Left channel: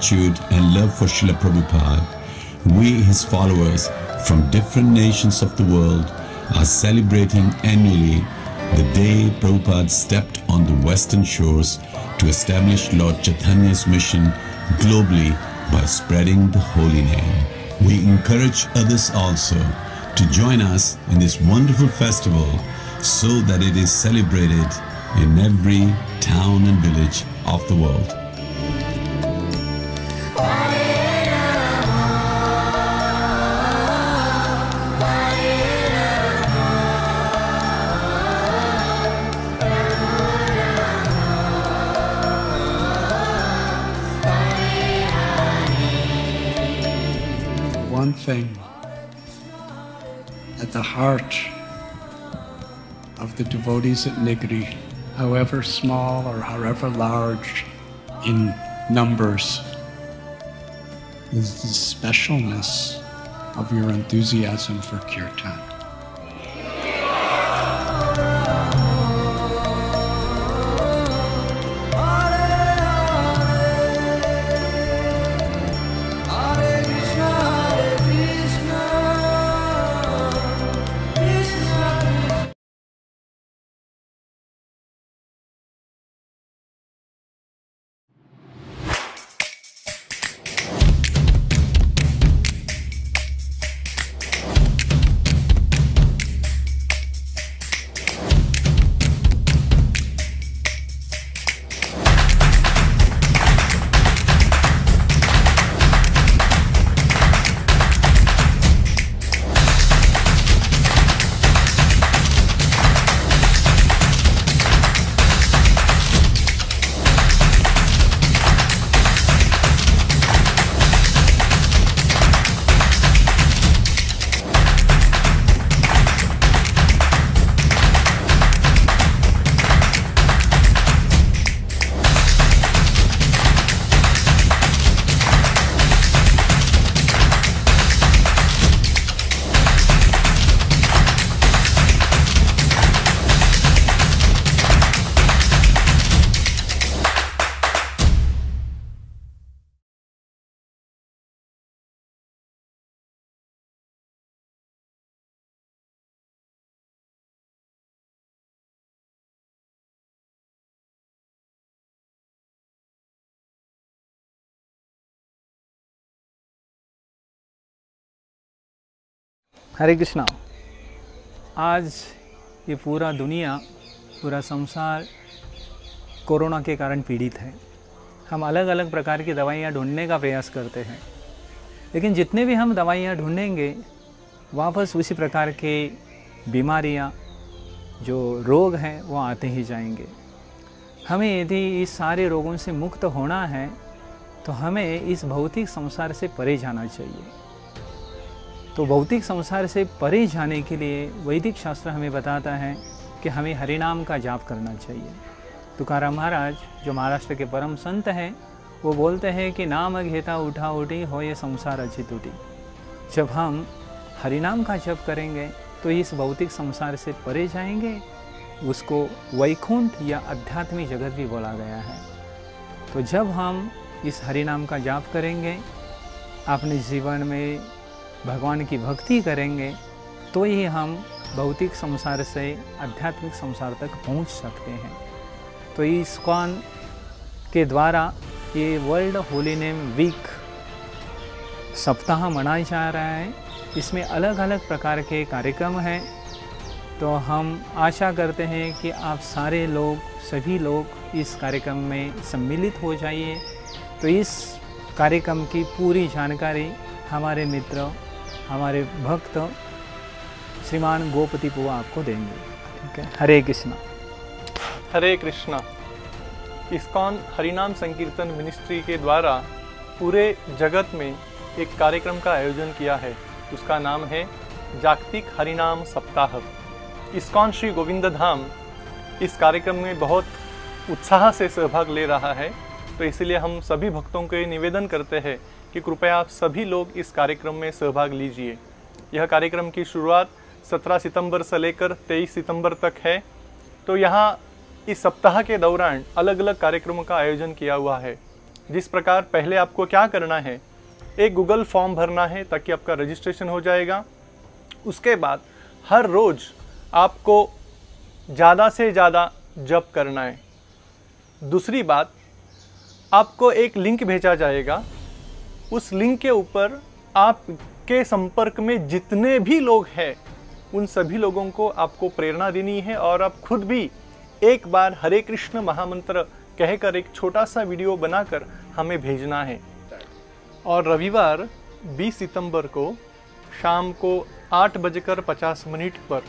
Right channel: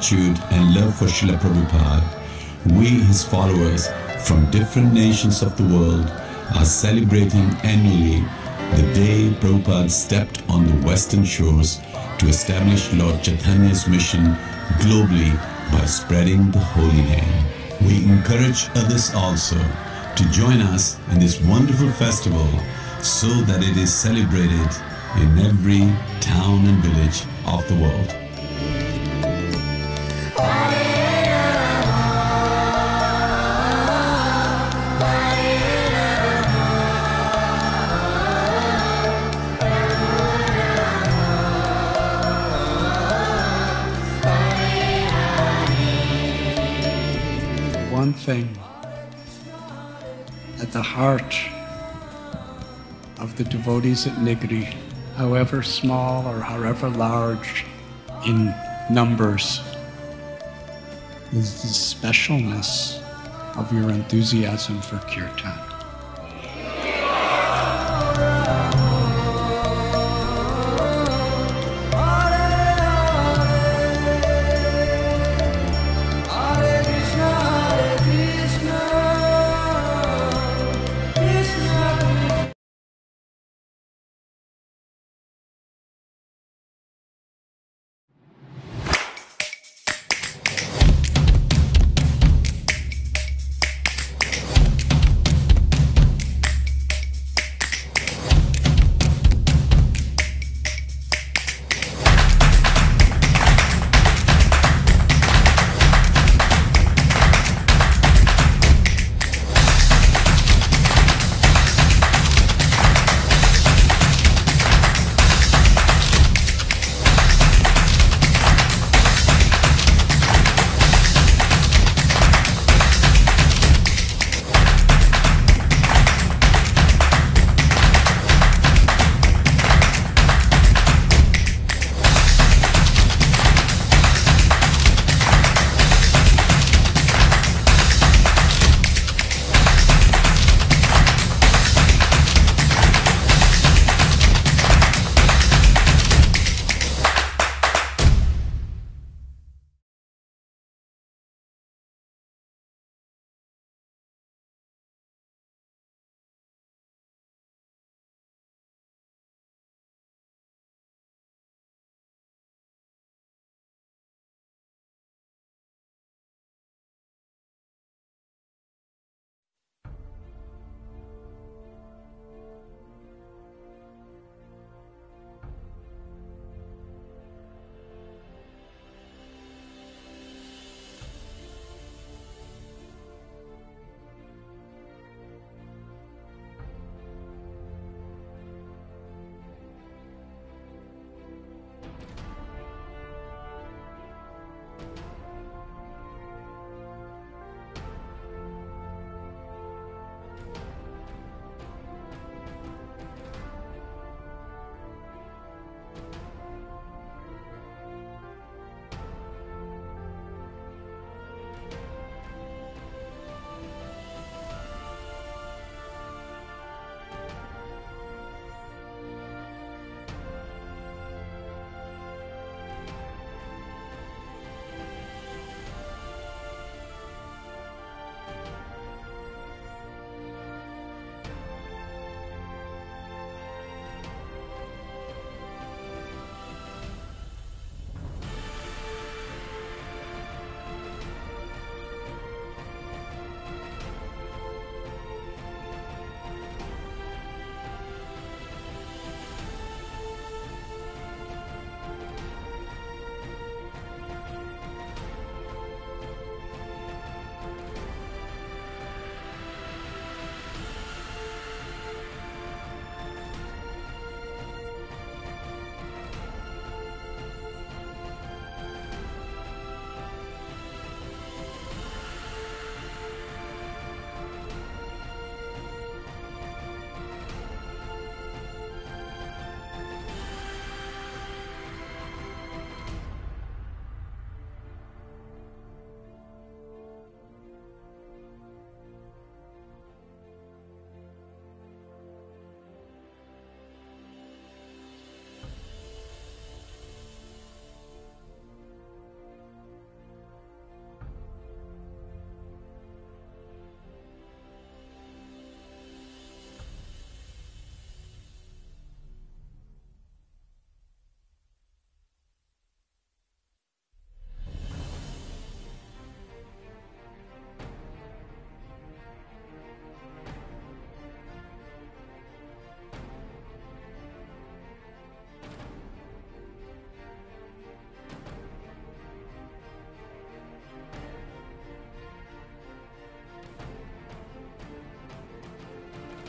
gratitude and love for Srila Prabhupada, we, his followers from different nations of the world, are celebrating annually the day Prabhupada stepped on the western shores to establish Lord Chaitanya's mission globally by spreading the holy name. We encourage others also to join us in this wonderful festival so that it is celebrated in every town and village of the world. One thing at the heart of the devotees at Nigri, however small or however large in numbers, is the specialness of your enthusiasm for kirtan. हरे कृष्णा। आज ये पूरा दुनिया, पूरा संसार corona के कारण पीड़ित है। हम अलग अलग प्रकार की दवाइयाँ ढूंढने का प्रयास करते हैं, लेकिन जितने भी हम दवाइयाँ ढूंढेंगे वापस उसी प्रकार के बीमारियाँ, जो रोग हैं, वो आते ही जाएंगे। हमें यदि इस सारे रोगों से मुक्त होना है तो हमें इस भौतिक संसार से परे जाना चाहिए। तो भौतिक संसार से परे जाने के लिए वैदिक शास्त्र हमें बताता है कि हमें हरिनाम का जाप करना चाहिए। तुकाराम महाराज, जो महाराष्ट्र के परम संत हैं, वो बोलते हैं कि नाम घेता उठा उठी हो ये संसार अच्छी टूटी। जब हम हरिनाम का जप करेंगे तो इस भौतिक संसार से परे जाएंगे। उसको वैकुंठ या आध्यात्मिक जगत भी बोला गया है। तो जब हम इस हरिनाम का जाप करेंगे, अपने जीवन में भगवान की भक्ति करेंगे, तो ही हम भौतिक संसार से आध्यात्मिक संसार तक पहुंच सकते हैं। तो इस्कॉन के द्वारा ये वर्ल्ड होली नेम वीक सप्ताह मनाया जा रहा है। इसमें अलग अलग प्रकार के कार्यक्रम हैं। तो हम आशा करते हैं कि आप सारे लोग, सभी लोग इस कार्यक्रम में सम्मिलित हो जाइए। तो इस कार्यक्रम की पूरी जानकारी हमारे मित्र, हमारे भक्त श्रीमान गोपति पुआ आपको देंगे। ठीक है, हरे कृष्णा। हरे कृष्णा। इस्कॉन हरिनाम संकीर्तन मिनिस्ट्री के द्वारा पूरे जगत में एक कार्यक्रम का आयोजन किया है। उसका नाम है जागतिक हरिनाम सप्ताह। इस्कॉन श्री गोविंद धाम इस कार्यक्रम में बहुत उत्साह से सहभाग ले रहा है। तो इसलिए हम सभी भक्तों को निवेदन करते हैं कि कृपया आप सभी लोग इस कार्यक्रम में सहभाग लीजिए। यह कार्यक्रम की शुरुआत 17 सितंबर से लेकर 23 सितंबर तक है। तो यहाँ इस सप्ताह के दौरान अलग अलग कार्यक्रमों का आयोजन किया हुआ है। जिस प्रकार पहले आपको क्या करना है, एक गूगल फॉर्म भरना है ताकि आपका रजिस्ट्रेशन हो जाएगा। उसके बाद हर रोज आपको ज़्यादा से ज़्यादा जप करना है। दूसरी बात, आपको एक लिंक भेजा जाएगा, उस लिंक के ऊपर आपके संपर्क में जितने भी लोग हैं उन सभी लोगों को आपको प्रेरणा देनी है और आप खुद भी एक बार हरे कृष्ण महामंत्र कहकर एक छोटा सा वीडियो बनाकर हमें भेजना है। और रविवार 20 सितंबर को शाम को 8:50 पर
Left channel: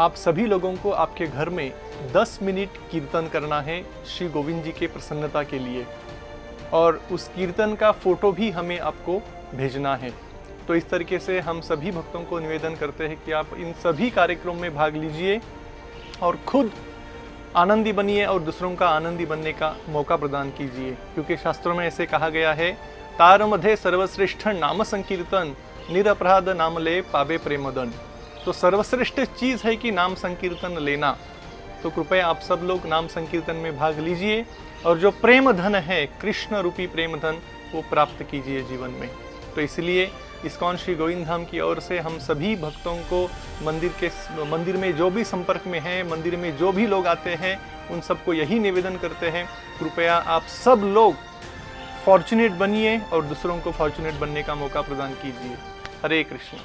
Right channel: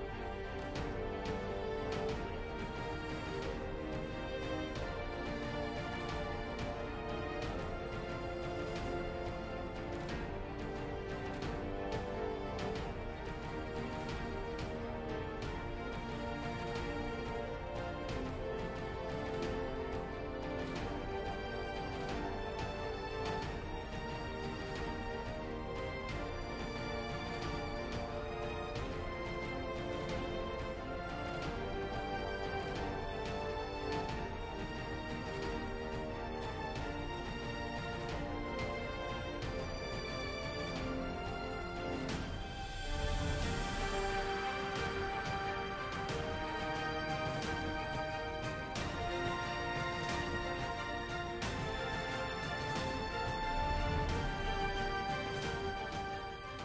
आप सभी लोगों को आपके घर में 10 मिनट कीर्तन करना है श्री गोविंद जी के प्रसन्नता के लिए, और उस कीर्तन का फोटो भी हमें आपको भेजना है। तो इस तरीके से हम सभी भक्तों को निवेदन करते हैं कि आप इन सभी कार्यक्रमों में भाग लीजिए और खुद आनंदी बनिए और दूसरों का आनंदी बनने का मौका प्रदान कीजिए, क्योंकि शास्त्रों में ऐसे कहा गया है, तार मध्य सर्वश्रेष्ठ नाम संकीर्तन, निरपराध नाम ले पावे प्रेमदन। तो सर्वश्रेष्ठ चीज है कि नाम संकीर्तन लेना। तो कृपया आप सब लोग नाम संकीर्तन में भाग लीजिए और जो प्रेम धन है, कृष्ण रूपी प्रेम धन, वो प्राप्त कीजिए जीवन में। तो इसलिए इस्कॉन श्री गोविंद धाम की ओर से हम सभी भक्तों को मंदिर में जो भी संपर्क में हैं, मंदिर में जो भी लोग आते हैं, उन सबको यही निवेदन करते हैं, कृपया आप सब लोग फॉर्चुनेट बनिए और दूसरों को फॉर्चुनेट बनने का मौका प्रदान कीजिए। हरे कृष्ण।